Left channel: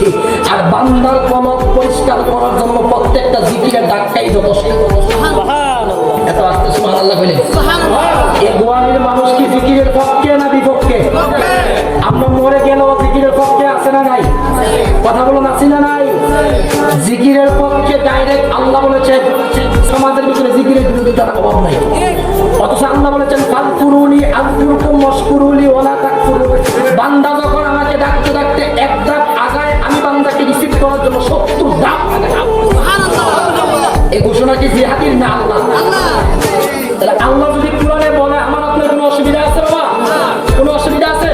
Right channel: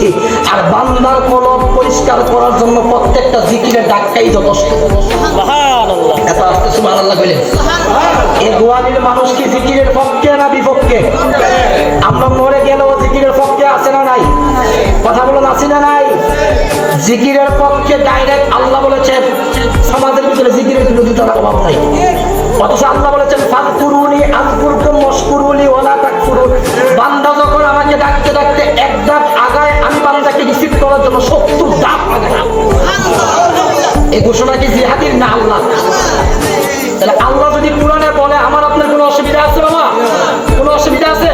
দিয়েছি। আর বান্দার কলব পরিষ্কার করার জন্য প্রত্যেকটা জিকিরের ডাক্তাই যথেষ্ট। সুবহানাল্লাহ। এত আস্তে সুবহানাল্লাহ বলেন। এই গোয়ালির মানুষ কি জিকিরের পক্ষে না বিপক্ষে? আমরা মরে গেলেও জিকিরের পক্ষে আছে না নাই? কথা বলুন, আছে না নাই? জিকিরের পক্ষে ডাইরেক্ট আল্লাহ বলেছেন। সমাজের ভিতরে জিকিরের বিরোধিতার অভাব নাই, অথচ আল্লাহ বলেছেন ফাযকুরুনি আযকুরকুম ওয়াশকুরুলি ওয়ালা তাকফুরুন। বান্দা যখন আমাকে ডাকতে ডাকতে এক ধাপ আগায়, আমি বান্দাকে রিসিভ করার জন্য 70 ধাপ আগায়। এই ঘোষণা কি জিহাদির না আল্লাহ? তাহলে আল্লাহ যদি কোরআনে বলে, আমার আপনার কোনো অসুবিধা আছে বাবা? কোনো অসুবিধা আছে?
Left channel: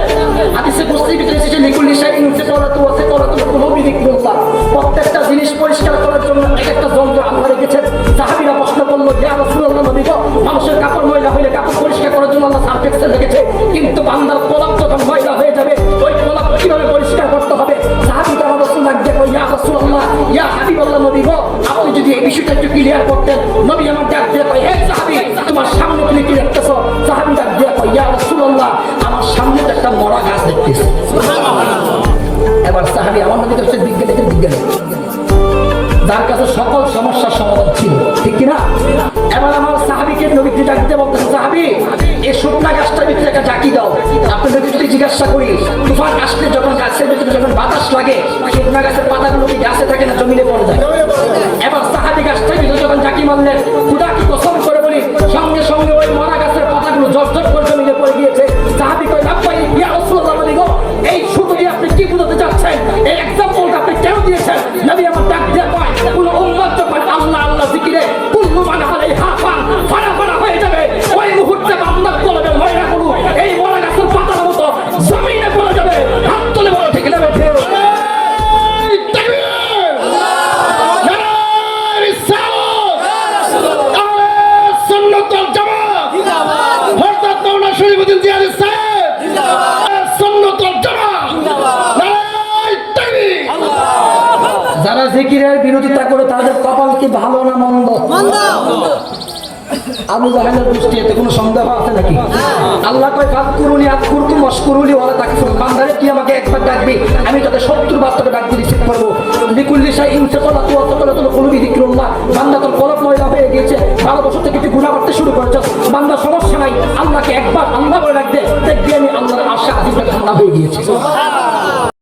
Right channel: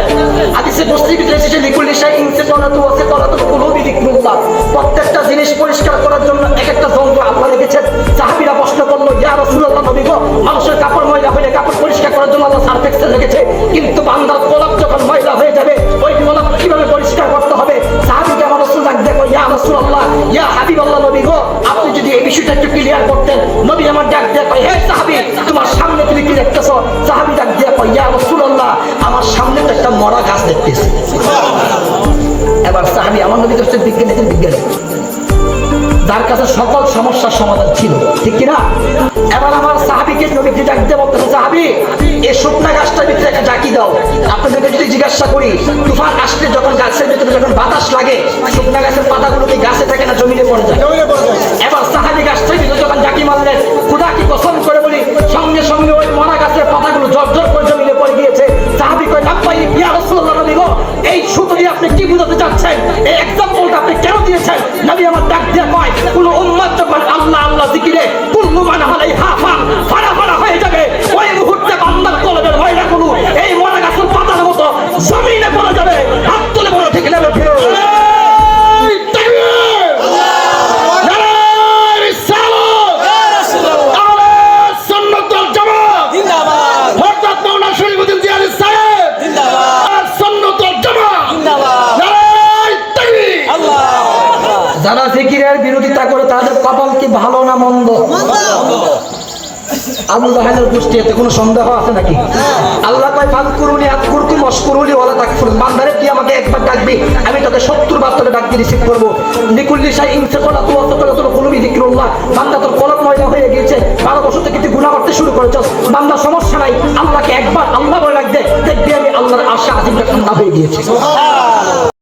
হাদিসে বস্তির ভিতরে এসেছে লিকুল্লি শাইইন সিকালাতু ওয়া সিকালাতুল কুলুবি যিকরুল্লাহ। প্রত্যেকটা জিনিস পরিষ্কার করার জন্য এক একটা যন্ত্র আল্লাহ রেখেছেন। সাহাবীরা প্রশ্ন করলো, ইয়া রাসূলুল্লাহ, নবী গো, মানুষের কাপড় ময়লা হলে কাপড় পরিষ্কার করার জন্য আল্লাহ সার্ফ এক্সেল রেখেছে, কিন্তু বান্দার কলব যখন ময়লা হয়ে যাবে ওই কলব কিভাবে পরিষ্কার করতে হবে? সাহাবীকে আমার রাসূল ডাক দেখো, ইয়া রাসূলুল্লাহ, ইয়া হাবিবাল্লাহ, নবী গো, আপনি যদি এই বিষয়টা একটু ক্লিয়ার করতেন। নবী আমার ডাক দেখো, হে সাহাবী, তোমার সামনে তুমি কি দেখতেছো? সাহাবী ডাক দেখো, ইয়া রাসূলুল্লাহ, আমার সামনে তো একটা মরা গাছ দেখতেছি। এবার সাহাবী, আমার নবী তো হচ্ছে বিজ্ঞানীদের বিজ্ঞানী, যার কাছে সকল সমস্যার সমাধান ছিল, ঠিক কিনা? এবার আমার সাহাবীকে নবীকে ডাক দিয়ে বলতেছে, সাহাবী, এই শুকনা গাছটার ভিতরে একটা জাকি দাও। আপনাদেরকে যদি জিজ্ঞাসা করি, তুফান আসলে যখন গাছের ভিতরে যখন বাতাস লাগে, শুকনা গাছের পাতাগুলো কি গাছে থাকে না জমিনে পড়ে যায়? এবার সাহাবী গাছটার ভিতরে যখন জাকি মারলেন, খোদা কি কসম করে বলি, সঙ্গে সঙ্গে ওই মরা গাছের পাতাগুলো ঝরঝর করে জমিনে পড়ে গিয়েছে। সাহাবী কয়, লাব্বাইক ইয়া রাসূলুল্লাহ, নবী গো, এই শুধু আপনি কি বুঝাতে চাচ্ছেন? এই এক্সাম্পলটা আপনি কেন দিয়েছেন? নবী আমার ডাক দিয়ে কয়, কোন উম্মত যখন আল্লাহ আল্লাহ জিকিরে কুল্লু মান আলাইহা ফান ফাড়া ফাড়া হয়ে যাবে, ওই মুহূর্তে বান্দার কলবের ময়লাগুলো এই মরা গাছের পাতার মতো জমিনে পড়ে যাবে। হাত তুলে বলো, ঠিক না? যারা জিকিরের বিরোধিতা করে তাদের কপাল কি ভালো না মন্দ? আবু জাহেলের গোষ্ঠী, এতে কোনো সন্দেহ আছে নাকি? আল্লাহ কয় ফাযকুরুনি আযকুরকুম ওয়াশকুরুলি ওয়ালা তাকফুরুন। বান্দারে তুই আমাকে একবার ডাকবি, আমি তোকে 70 বার তোকে ডাক দিয়ে রিসিভ করব। লিকুল্লি শাইইন সিকালাতু ওয়া সিকালাতুল কুলুবি যিকরুল্লাহ। বান্দা তোর কলব ময়লা হয়ে গিয়েছে, 12 বছর থেকে তুই গুনাহ করতে শুরু করেছিস, বান্দা সমস্যা নাই, আল্লাহকে একবার আল্লাহ বলে ডাক দে, দেখবি আমি আল্লাহর আরশে আজিমটা ঠান্ডা হয়ে গিয়েছে। সুবহানাল্লাহ।